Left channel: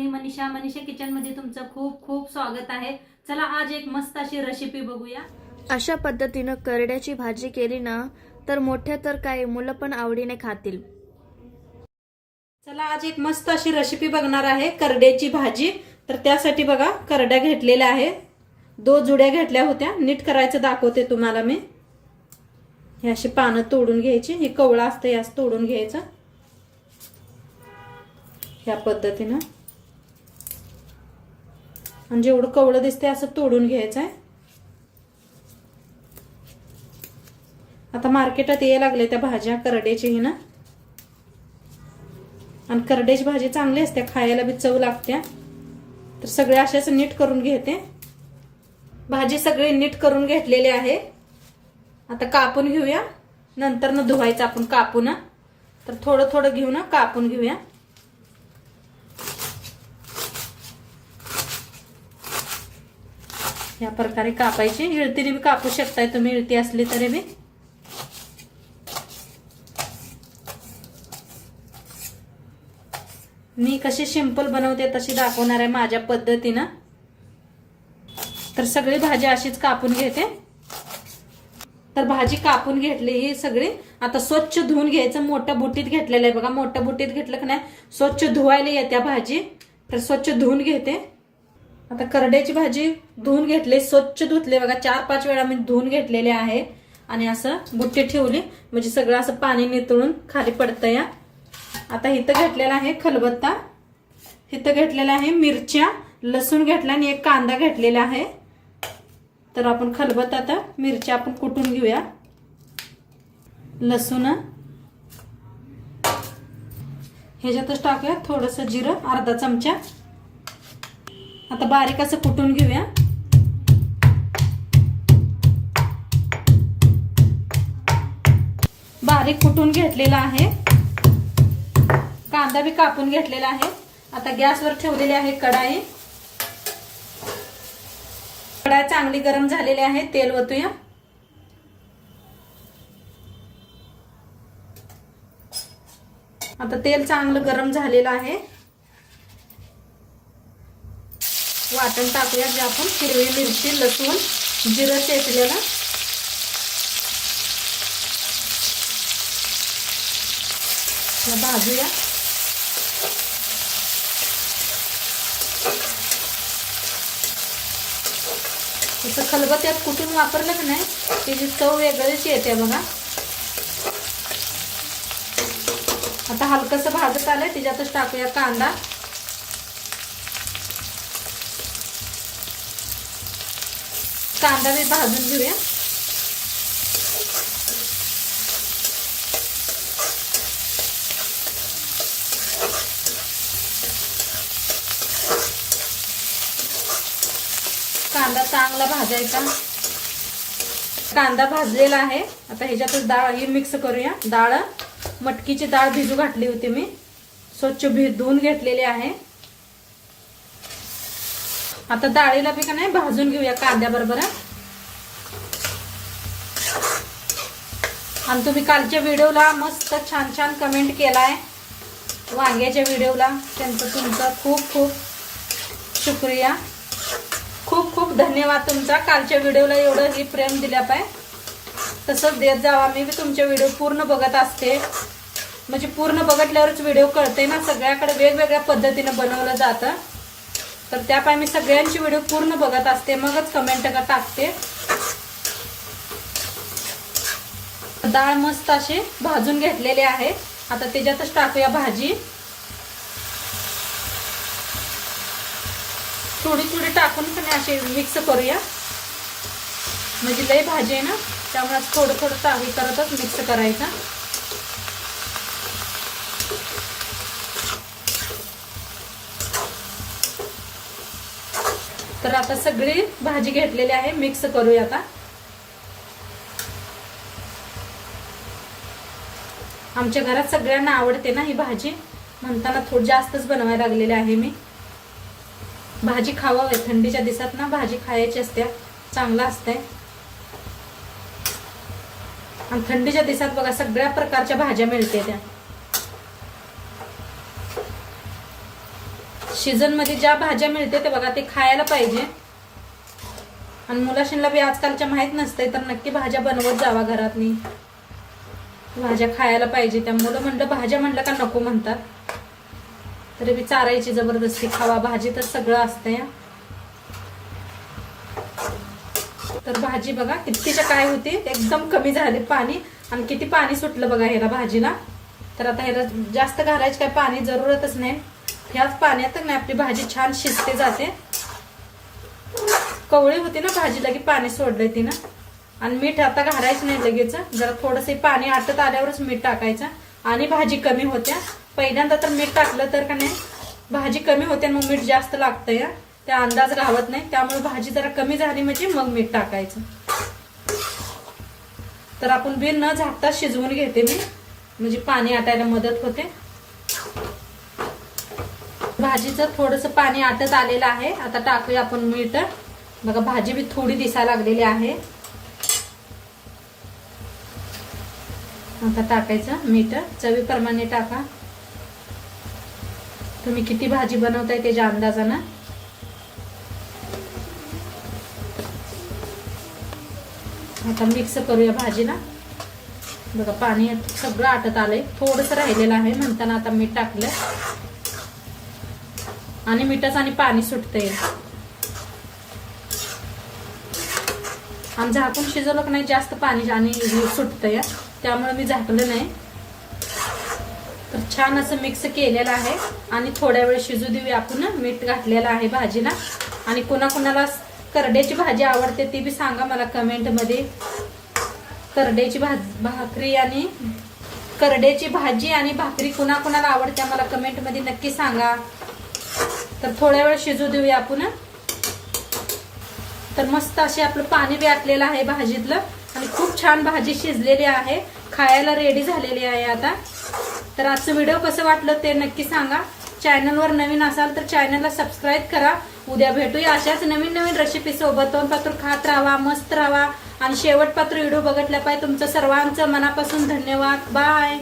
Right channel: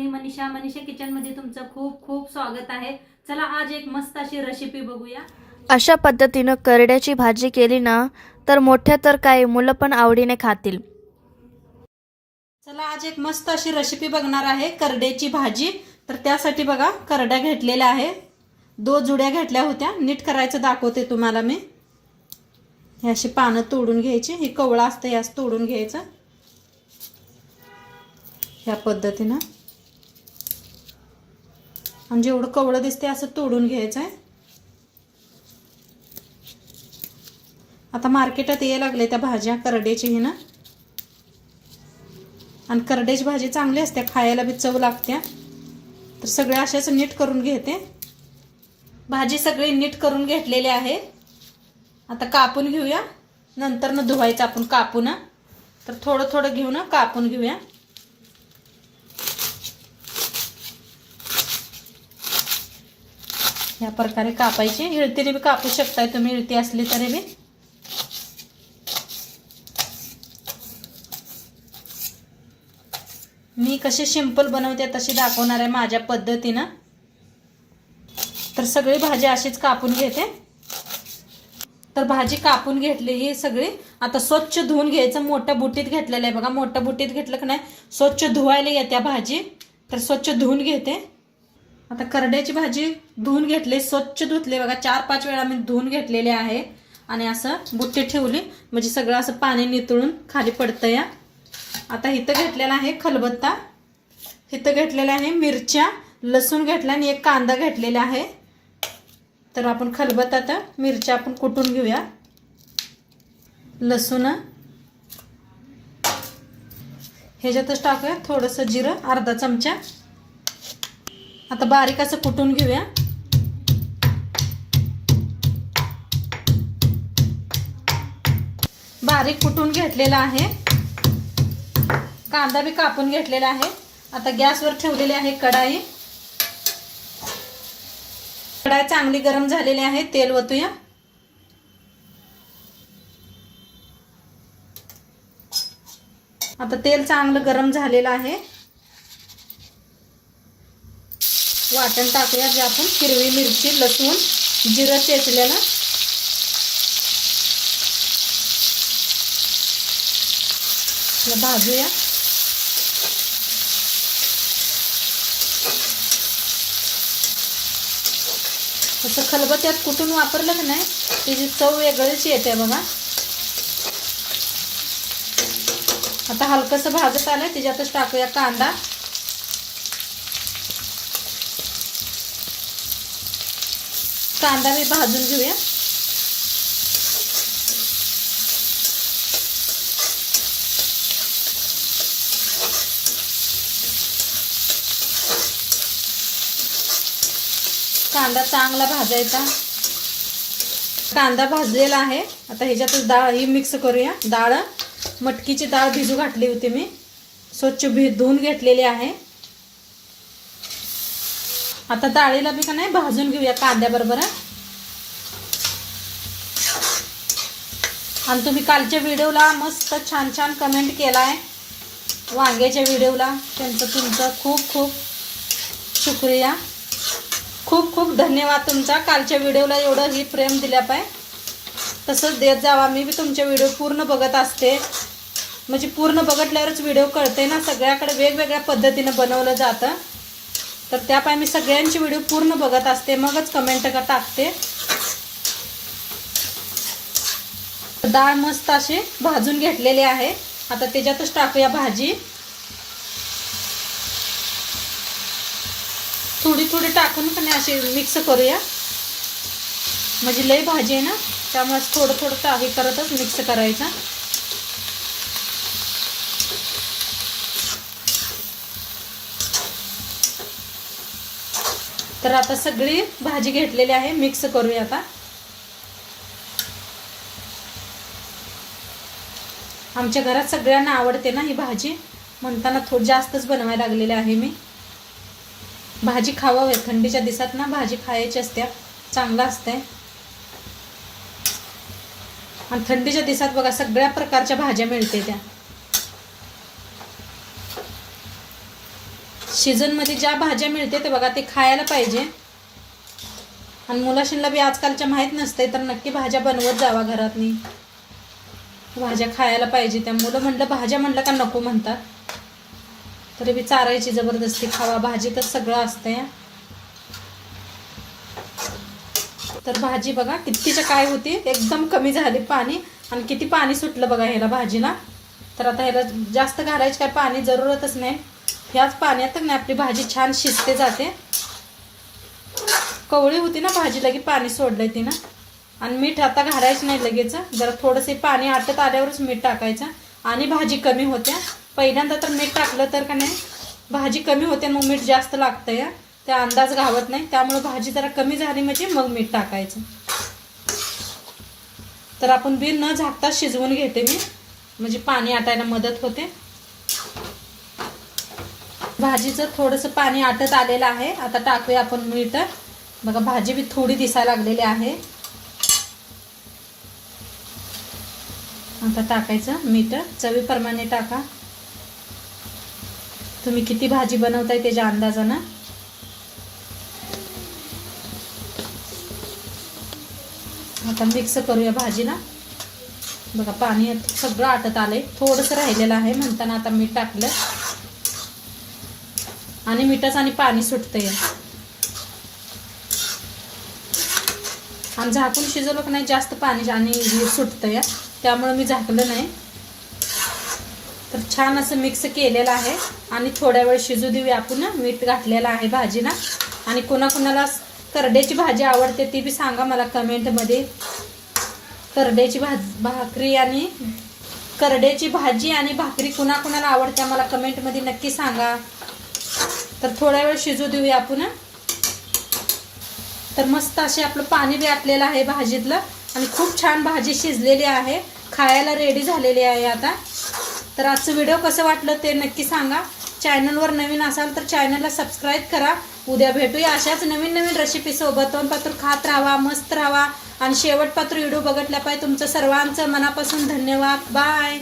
मी Manisha kitchen मध्ये तुमचं खूप खूप स्वागत आहे। चला आज एक मस्त अशी रेसिपी बघूया। अशा पद्धतीनं करड्याची भाजी केली ना तर मोठ्या तर काय मुलं पण आवडीने खातील। चला आज एक मस्त अशी रेसिपी बघणार आहे करड्याची भाजी। तर त्यासाठी बघा करड्या घेतलेल्या आहे, 2 जुड्या घेतल्या होत्या। नीट करायचं दाखवते तुम्हाला मी। हे अशी पानं तोडून घ्यायची, हे कवळा असतं यास तोडून घ्यायचं ह्या पद्धतीनं, आणि जेवढं कवळं दिसते असं तोडून घ्यायचं आहे। आता मार्केटात यायला लागले त्या भाज्या करड्याची ना, आणि करड्याची भाजी चांगली असते, खायला बी चव लागते। तर सगळे अशाच नीट करून घेते। भाजी सगळी नीट करून घेतलेली आहे। आता कापून घेऊया, नंतर न धुवायचं आपण कापून। तर थोडं थोडं घेऊन कापून घेऊया। या प्रकारे कापायची, इळतीने बी कापू शकताय तुम्ही, इळती असली तरी बी। मी कशी सिंपल बनवते तशी दाखवणार आहे माझ्या पद्धतीने। तर सगळी भाजी अशीच कापून घेते। तर भाजी कापून घेतली ही सगळी। आता स्वच्छ धुवून घ्यायचं, मोठ्या बुट्टीत घेतलेलं आहे बघा। मोठ्या बुट्टीत घेतलं की नाही स्वच्छ धुवायला येत्या भाजी, तर स्वच्छ धुवून घेते। आता करड्याची भाजी धुवून घेतली, स्वच्छ धुतले बघा, 4-5 वेळा मी धुवून घेतलेले आहे। आणि असं बुट्टी ठेवली म्हणजे सगळं असं पाणी नितळून खाली पडतं या। आता इथं घेतलेला आहे खलबत्ता, इथं घेतलेला आहे मिरच्या, लसूण घेतला आणि एक कांदा घेतलेला आहे। तर आपण खलबत्तात मिरच्या आपण कुटून घेऊया। लसूण ह्याच्यातच टाकूया, थोडंसं जिरं अर्धा चमचा। आता बारीक असं कुटून घेऊया। बारीक कुटून घेतलेला आहे, कांदा बी कापून घेतलेला आहे। आता गॅसवर ठेवलेली आहे कढाई। कढाई चांगली गरम झालेली आहे, तेल ओतूया। आता तेल चांगलं गरम झालेलं आहे, वाटण टाकूया जे आपण हिरवी मिरची, लसूण, जिरं चेचलेलं। भाजूया। तसं खलबत्त्यात कुटून वापरलं की नाही त्याची चव वेगळीच येते बघा। आता हलकसं भाजत आले, त्याच्यातच टाकूया कांदा। कांदा बी भाजून घेऊया। कांदा चांगला भाजायचा। कांदा भाजलेला आहे। आता ह्याच्यातच डाळ ही मिक्स करूया। डाळ मटकीची डाळ भिजू घातली होती मी, स्वच्छ धुवून घेतलेली आहे। आता डाळीला बी का नाही भाजून घेऊया कांद्याबरोबर। आणि तुम्ही कालच्या व्हिडिओला मस्त छान छान कमेंट केलाय, वांग्याच्या व्हिडिओला त्यांचं तुमचं खूप खूप शुक्रिया, खूप खूप धन्यवाद तुमचा। कालच्या व्हिडिओला एवढं ही प्रेम दिल्या पाय, तसंच देत जावा। मी बी तुमचे व्हिडिओ पूर्ण बघत असते, म्हणजे पूर्ण बघितल्यावरच व्हिडिओ कळते ना, सगळ्याकडे वेगवेगळ्या पद्धतीने बनवलं जातं। तर त्यापाय मी सगळ्यांची व्हिडिओ पूर्ण बघत असते, मगच कमेंट टाकते। डाळ मस्त अशी भाजून घेतलेली आहे। आता त्याच्यातच टाकूया भाजी, थोडी थोडी टाकून पण अशी मिक्स करूया, म्हणजे लई भाजी आहे ना त्यामुळे थोडं थोडं टाकी करतच मिक्स करायचं। तर आता सगळी भाजी घेतलेली आहे, मिक्स करूया आता। आमच्या घरात सगळ्यांना आवडते ना ही भाजी, म्हणताना थोडी जास्तच बनवायला लागलेली आहे मी। भाजी खावावी, थंडीच्या दिवसात ना भाजी खायची असते, चांगलं असते। आणि थंडीच्या दिवसात बघा सगळ्या प्रकारच्या भाज्या मिळते त्या। सीझनमध्ये ज्या भाज्या मिळते ते बघा ते खायला पाहिजे. आणि मुलाशींना बी आजकालच्या माहीत नसते तर नक्की भाज्या बनवत जावा घरातनी. भाज्या खायला पाहिजे. त्या मुलं म्हणलं भाज्या म्हणलं का नको म्हणतात. तरी बी चारायची जबरदस्ती, खावा भाजी तर सगळं असतंय. तर भाजी बघा कितीच्या काय होती, एकदम कमी झाली पाणी. आणि किती पाणी सुटलं बघा ह्याला भाजीला. तर आता ह्याला जास्त घालायची काय पाणी जरूरतच नाही. ह्याच पाण्यात ना आपली भाजी छान शिजते जाते. कवळी होती ना भाजीला की पाणी सोडलंय तिनं. आणि मीठ आता घालायचं नाही लगेच, जरा थोडंसं पाणी आटत आल्यावरच मीठ टाकायचं. आणि भाजी कमी होत्या. पहिल्यांदा तर मीठ टाकलं तर का नाही भाजी कमी होते, मग मीठ जास्त लागतं या, त्या अंदाज घावत नाही. त्यामुळे भाजी जरा कमी झाली म्हणजे मग मीठ टाकायचं. तर आपण बी न झाकता शिजवून घेते मी, म्हणजे पाणी आटायला मदत होते. भाजीचं थोडंसं पाणी आटत आलेलं आहे. आता टाकूया आपण मीठ. बघा भाजी बी थोडी दिसायला लागलेली आहे. आता टाकायचं मीठ चवीप्रमाणे टाका. तुम्ही किती भाजी बनवताय त्याच्या अंदाजानं. आता मिक्स करूया भाजीला. बघा पाणी सगळं आटत आलंय, थोडंसं राहिलेलं आहे म्हणताना आता मीठ टाकलं. आणि मिठाचं आणि पाणी सुटतंय. आणि झाकून शिजवलं की नाही जास्त पाणी आणि सुटतंय, त्यामुळे मी झाकलं नाही. तर छान असं मिक्स केलेलं आहे. आणि थोड्या वेळ शिजू देऊया आपण. मीठ घातलेलं आहे भाजीला. आणि कोणाकोणाला करड्याची भाजी आवडते ती बी सांगा मला कमेंटमध्ये. करड्याची भाकरी आणि करड्याची भाजी आणि भाकरी कुणाकुणाला आवडते मला कमेंटमध्ये नक्की सांगा. तर थोड्या वेळ शिजू देऊया आपण. तर मस्त असे आपलं पाणी बी आटलेलं आहे भाजीतलं. आणि खूप छान भाजी शिजलेली आहे, खायला रेडी झालेली आहे आता. तर आजचं व्हिडिओ कसं वाटलं ते नक्की सांगा. चॅनलवर नवीन असाल तर चॅनलला सबस्क्राईब करा. उद्या भेटूया अशाच नवीन नवीन रेसिपी सोबत. तोंडपात्र खात राहा, मस्त राहा. आणि शेवटपात्र व्हिडिओ बघितल्या पाहिजे. तुमचं सर्वांचं मनापासून धन्यवाद. बाय.